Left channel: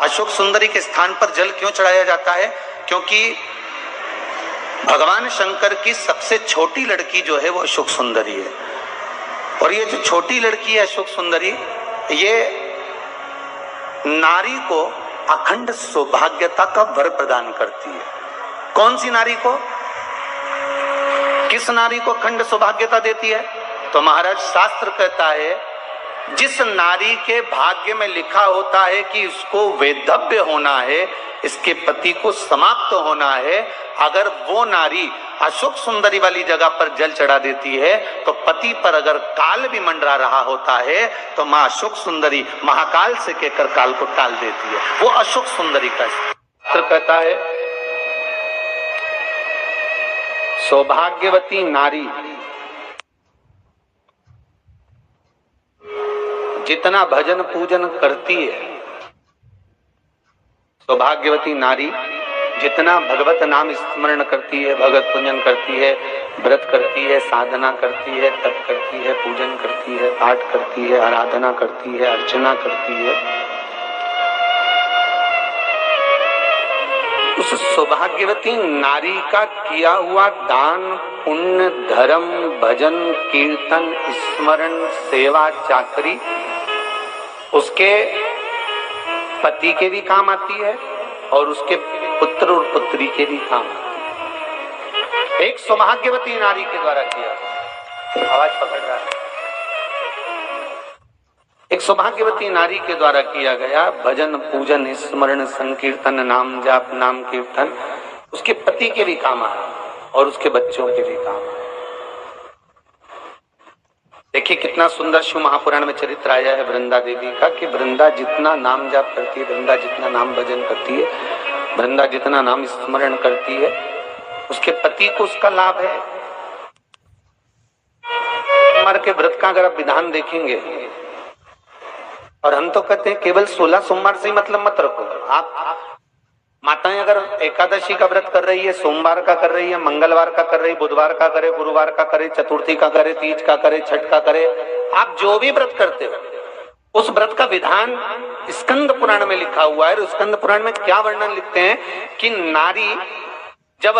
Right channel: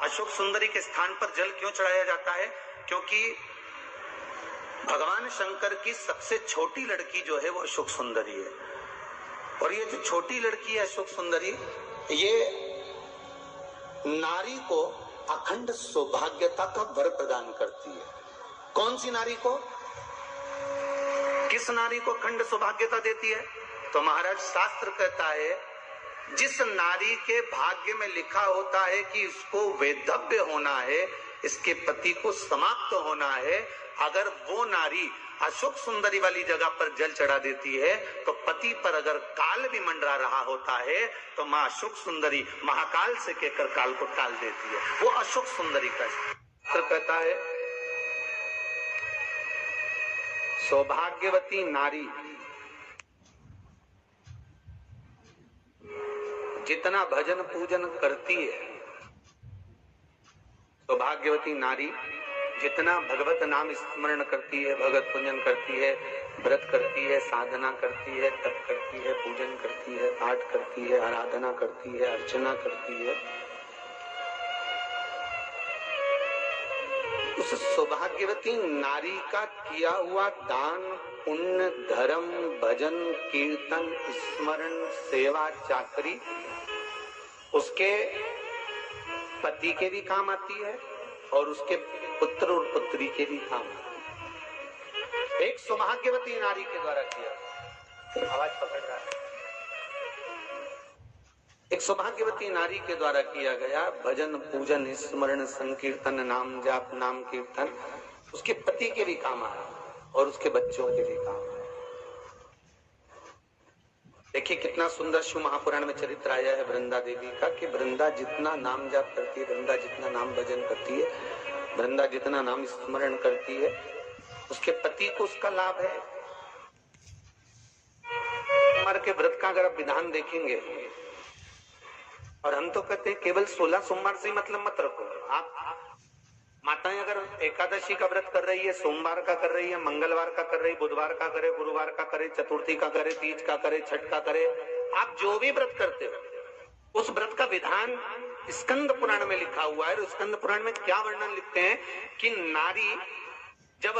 अशोक सुंदरी के स्थान पर जल क्यों चढ़ाया जाता है? क्योंकि भगवान शंकर की सबसे छोटी लड़की जो है वो अशोक सुंदरी है। और ये जो छोटी लड़की है अशोक सुंदरी, ये नारी को अखंड सौभाग्यता का वर प्रदान करती है। कौन सी नारी को? किस नारी को अखंड सौभाग्यता देती है? तो महाराज शास्त्र कहता है, जिस नारी के भाग्य में लिखा होता है कि उसको वैधव्य होना है, इसके पति को समाप्त होना है, अगर वो नारी अशोक सुंदरी वाली जगह पर जल चढ़ा देती है तो पति पर अगर काल भी मंडरा रहा होता है तो मां अशोक सुंदरी महाकाल से कहकर काल को टाल देती है। वो अशोक सुंदरी का शास्त्र कहता है, सौभाग्यवती नारी जितना भजन पूजन करती है, सौभाग्यवती नारी जितना भगवत नाम स्मरण करती है, भगवत पूजन करती है, व्रत करती है, साधना करती है, तप करती है, पूजन करती है, पाठ करती है, आराधना करती है, अर्चना करती है, उस सौभाग्यवती नारी का किया हुआ दान, पुण्य, धर्म, भजन, कीर्तन, स्मरण, सेवा, चाकरी उसके पति के भी काम आती है और उसके पुत्र और पुत्री के भी काम आती है। एक सौभाग्यवती नारी के द्वारा किया, आवाज पकड़ रहा है, एक सौभाग्यवती नारी के द्वारा किया गया भजन, पूजन, स्मरण, संकीर्तन, नाम जाप, नाम कीर्तन उसके पति के भी काम आए और उसके बच्चों के भी काम आए। देखिए कितना सुंदर शिव महापुराण में चरित्र आया है वृंदा देवी का, कि वृंदा जितना नाम जाप करती है, वृंदा जितना नाम भजन करती है, वृंदा जितना नाम स्मरण करती है, उसके पति को उसका लाभ है। हमारे के व्रत का अगर आप विधान देखेंगे, और हम तो कहते हैं केवल 16 सोमवार से ही मतलब मत रखो। आप माताएं अगर एकादशी का व्रत कर रही है, सोमवार का कर रही है, मंगलवार का कर रही है, बुधवार का करे, गुरुवार का करे, चतुर्थी का करे, तीज का करे, छठ का करे, आप जो भी व्रत करते हो उस व्रत का विधान स्कंद पुराण में लिखा हुआ है। और स्कंद पुराण में क्या वर्णन लिखते हैं कि नारी जब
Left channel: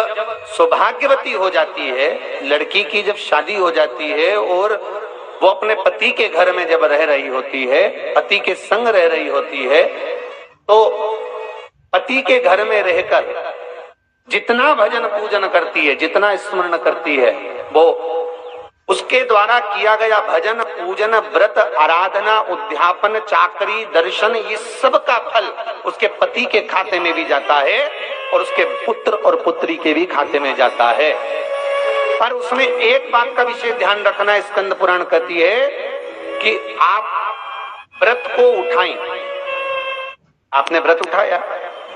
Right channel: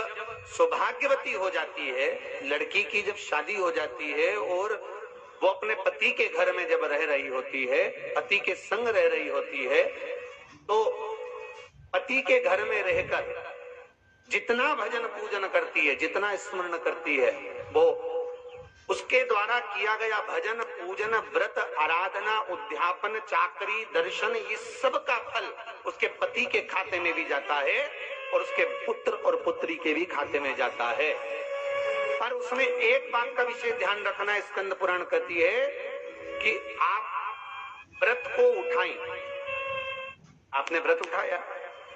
सौभाग्यवती हो जाती है, लड़की की जब शादी हो जाती है और वो अपने पति के घर में जब रह रही होती है, पति के संग रह रही होती है, तो पति के घर में रहकर जितना भजन पूजन करती है, जितना स्मरण करती है, वो उसके द्वारा किया गया भजन, पूजन, व्रत, आराधना, उद्यापन, चाकरी, दर्शन, ये सब का फल उसके पति के खाते में भी जाता है और उसके पुत्र और पुत्री के भी खाते में जाता है। पर उसमें एक बात का विशेष ध्यान रखना, स्कंद पुराण कहती है कि आप व्रत को उठाएं। आपने व्रत उठाया,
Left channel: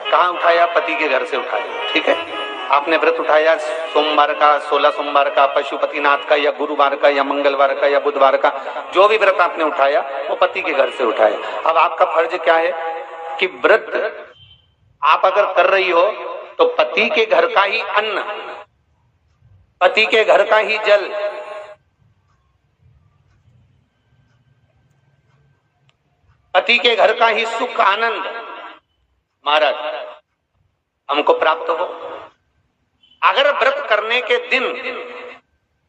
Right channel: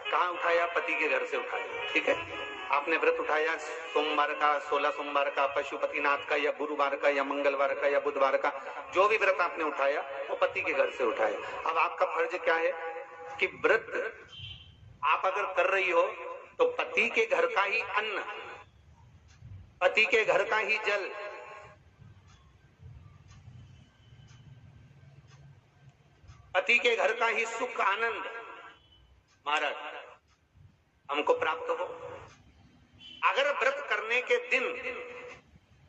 कहाँ उठाया? पति के घर से उठाया, ठीक है। आपने व्रत उठाया सोमवार का, 16 सोमवार का, पशुपतिनाथ का, या गुरुवार का, या मंगलवार का, या बुधवार का, जो भी व्रत आपने उठाया वो पति के घर से उठाया। अब आपका फर्ज क्या है कि व्रत आप अगर कर रही हो तो पति के घर का ही अन्न, पति के घर का ही जल, पति के घर का ही सुख आनंद महाराज हमको प्राप्त हो। अगर व्रत करने के दिन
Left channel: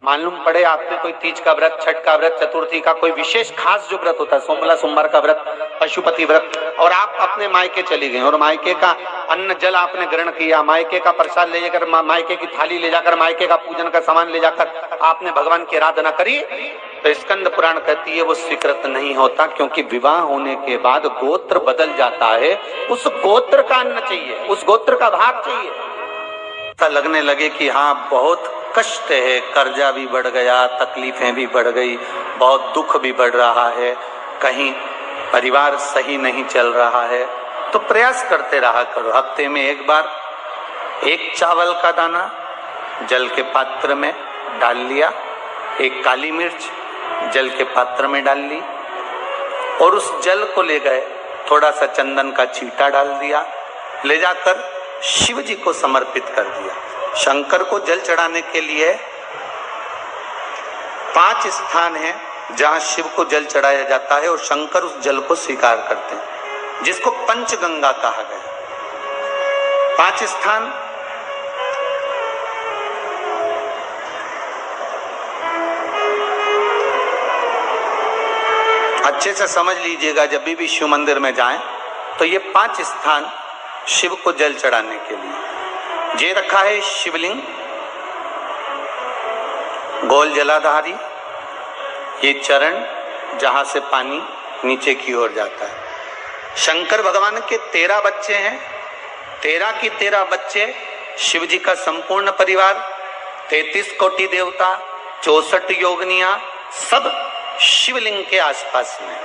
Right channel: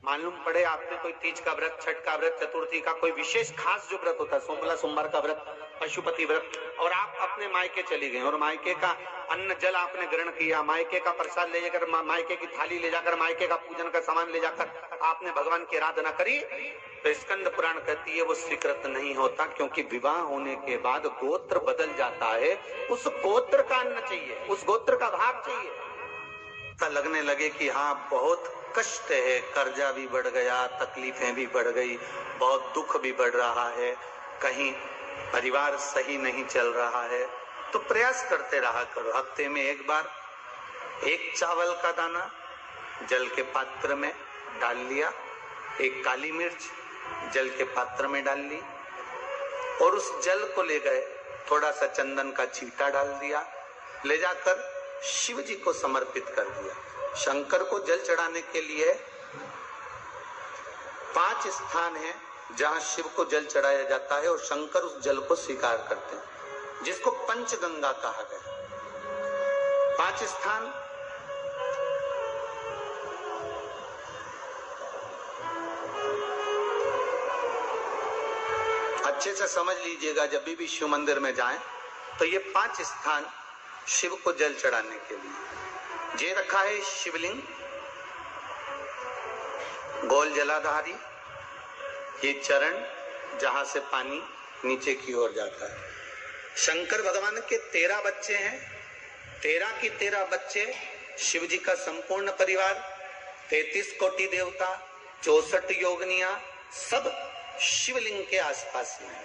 मालूम पड़े आपने कोई तीज का व्रत, छठ का व्रत, चतुर्थी का कोई विशेष खास जो व्रत होता है, सोमला सोमवार का व्रत, पशुपति व्रत, और आप अपने मायके चली गए और मायके का अन्न जल आपने ग्रहण किया, मायके का प्रसाद ले जाकर, मायके की थाली ले जाकर, मायके का पूजन का सामान ले जाकर आपने भगवान की आराधना करी, तो स्कंद पुराण कहती है वो स्वीकृत नहीं होता, क्योंकि विवाह होने के बाद गोत्र बदल जाता है। उस गोत्र का अन्न चाहिए, उस गोत्र का भाग चाहिए। ऐसा लगने लगे कि हाँ बहुत कष्ट है, कर्जा भी बढ़ गया, तकलीफें भी बढ़ गई, बहुत दुख भी बढ़ रहा है, कहीं परिवार सही नहीं चल रहा है, तो प्रयास करते रहा करो। हफ्ते में एक बार एक चावल का दाना जल के पात्र में डाल लिया, एक काली मिर्च जल के पात्र में डाल ली, और उस जल को ले गए, थोड़ा सा चंदन का छींटा डाल दिया, ले जाकर शिव जी को समर्पित कर दिया। शंकर को जल चढ़ाने के लिए 5 स्थान हैं जहां शिव को जल चढ़ाया जाता है और शंकर उस जल को स्वीकार करते हैं, जिसको पंचगंगा कहा गया। 5 स्थान अच्छे से समझ लीजिएगा, जब भी शिव मंदिर में जाएं तो ये 5 स्थान शिव को जल चढ़ाने के लिए। ये रखा है शिवलिंग, गोल जलाधारी, ये चरण जहां से पानी नीचे की ओर जाता है। शंकर भगवान के 13 बच्चे हैं, 13 की 13 बच्चे, शिव जी का संपूर्ण परिवार, 33 कोटि देवता, 64 योगनियां, सब शिवलिंग के आसपास में।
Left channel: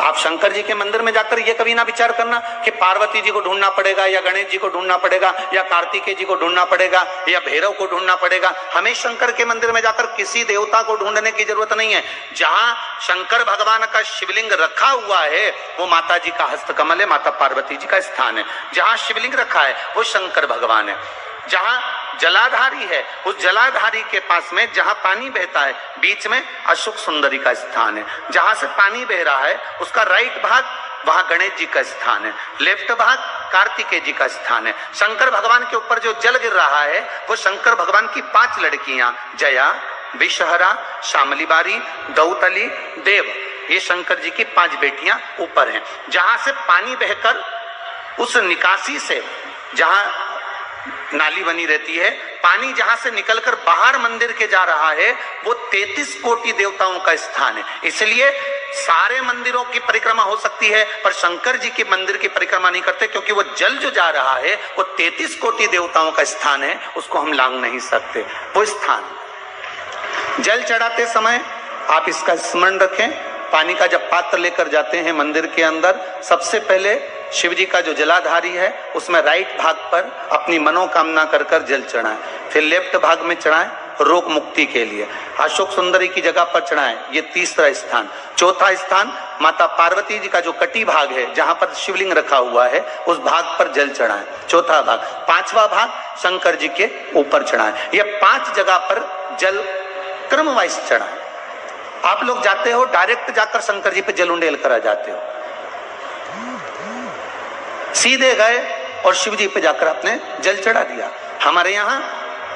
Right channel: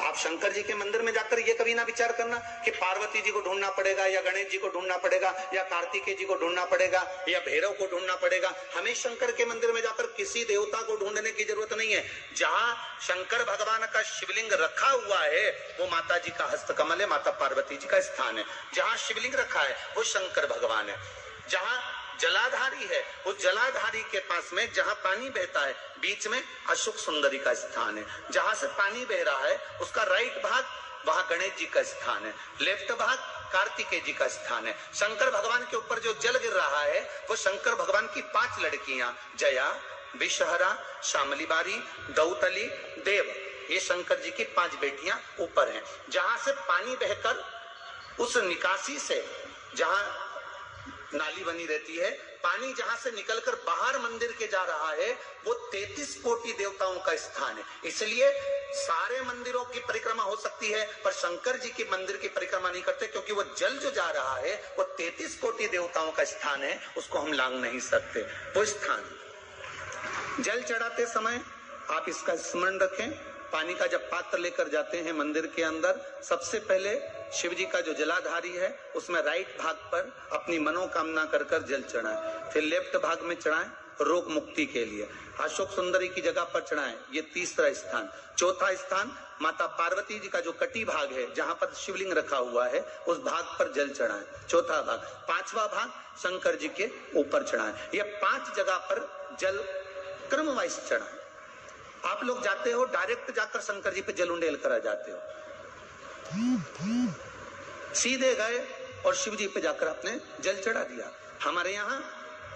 आप शंकर जी के मंदिर में जाकर ये कभी ना विचार करना कि पार्वती जी को ढूंढना पड़ेगा या गणेश जी को ढूंढना पड़ेगा या कार्तिकेय जी को ढूंढना पड़ेगा या भैरव को ढूंढना पड़ेगा। हमें शंकर के मंदिर में जाकर किसी देवता को ढूंढने की जरूरत नहीं है। जहां शंकर भगवान का शिवलिंग रखा हुआ है वो माता जी का हस्तकमल है, माता पार्वती जी का स्थान है। जहां शिवलिंग रखा है वो शंकर भगवान है। जहां जलाधारी है उस जलाधारी के पास में जहां पानी बहता है बीच में अशोक सुंदरी का स्थान है। जहां से पानी बह रहा है उसका राइट भाग वहां गणेश जी का स्थान है, लेफ्ट भाग कार्तिकेय जी का स्थान है। शंकर भगवान के ऊपर जो जल गिर रहा है वो शंकर भगवान की 5 लड़कियां जया, विषहरा, शामलीबारी, दौतली, देव, ये शंकर जी की 5 बेटियां ऊपर हैं। जहां से पानी बहकर उस निकासी से, जहां नाली बनी रहती है, पानी जहां से निकलकर बाहर मंदिर के जा रहा है वो 33 कोटि देवताओं का स्थान है। इसलिए सारे मंदिरों की परिक्रमा हो सकती है पर शंकर जी के मंदिर की परिक्रमा नहीं करते, क्योंकि वो जल जो जा रहा है वो 33 कोटि देवताओं का स्थान है, उसको हम लांघ नहीं सकते। वो स्थान जल चढ़ाते समय आप इसका स्मरण रखें। पानी का जब पात्र लेकर जाते हैं मंदिर के अंदर, सबसे पहले शिव जी का जो जलाधारी है उसमें राइट भाग पर अपनी मनोकामना कर कर जल चढ़ाएं, फिर लेफ्ट भाग में चढ़ाएं रोग मुक्ति के लिए। अशोक सुंदरी की जगह पर चढ़ाएं, ये तीसरा स्थान। चौथा स्थान माता पार्वती जी का जो कटी भाग है जहां पर शिवलिंग रखा हुआ है उस भाग पर जल चढ़ाएं, चौथा भाग। 5वां भाग शंकर जी के ऊपर चढ़ाएं। ये 5 जगह पर जल क्रम वाइज चढ़ाएं। आप लोग जाते हो डायरेक्ट जाकर शंकर जी पे जल उंडेल करा जाते हो, सीधे गए और शिव जी पे जाकर आपने जल चढ़ा दिया। हमारे यहाँ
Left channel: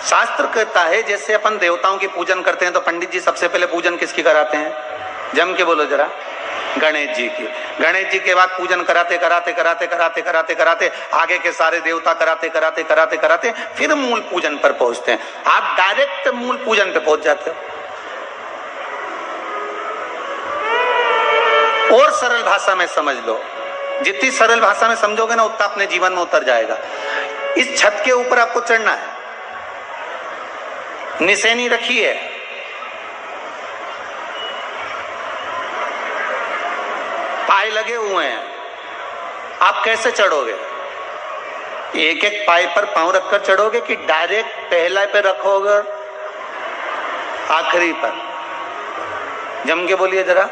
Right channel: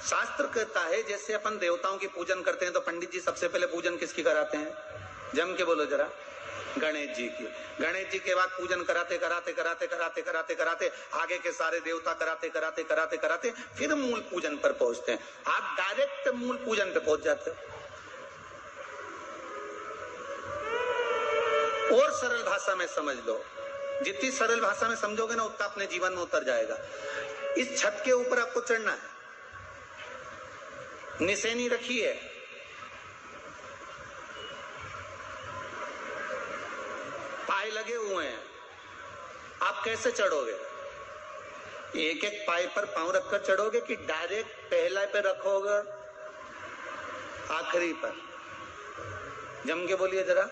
शास्त्र कहता है जैसे अपन देवताओं की पूजन करते हैं तो पंडित जी सबसे पहले पूजन किसकी कराते हैं? जम के बोलो जरा, गणेश जी की। गणेश जी के बाद पूजन कराते कराते कराते कराते कराते कराते आगे के सारे देवता कराते कराते कराते कराते फिर मूल पूजन पर पहुंचते हैं। आप डायरेक्ट मूल पूजन पे पहुंच जाते हो। और सरल भाषा में समझ लो, जितनी सरल भाषा में समझोगे ना उतना अपने जीवन में उतर जाएगा। इस छत के ऊपर आपको चढ़ना है, निशानी रखी है, पाए लगे हुए हैं, आप कैसे चढ़ोगे? एक एक पाए पर पांव रखकर चढ़ोगे कि डायरेक्ट पहला पे रखोगे आखिरी पर? जम के बोलिए जरा,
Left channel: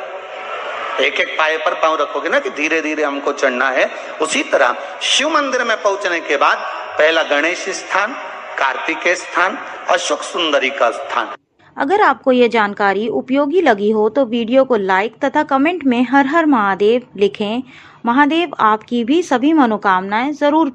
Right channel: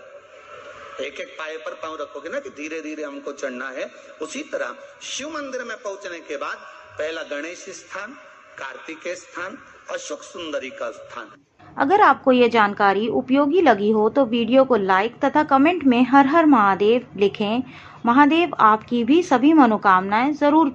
एक एक पाए पर पांव रखोगे ना कि धीरे धीरे हमको चढ़ना है। उसी तरह शिव मंदिर में पहुंचने के बाद पहला गणेश स्थान, कार्तिकेय स्थान, अशोक सुंदरी का स्थान। अगर आपको ये जानकारी उपयोगी लगी हो तो वीडियो को लाइक तथा कमेंट में हर हर महादेव लिखें। महादेव आपकी भी सभी मनोकामनाएं जरूर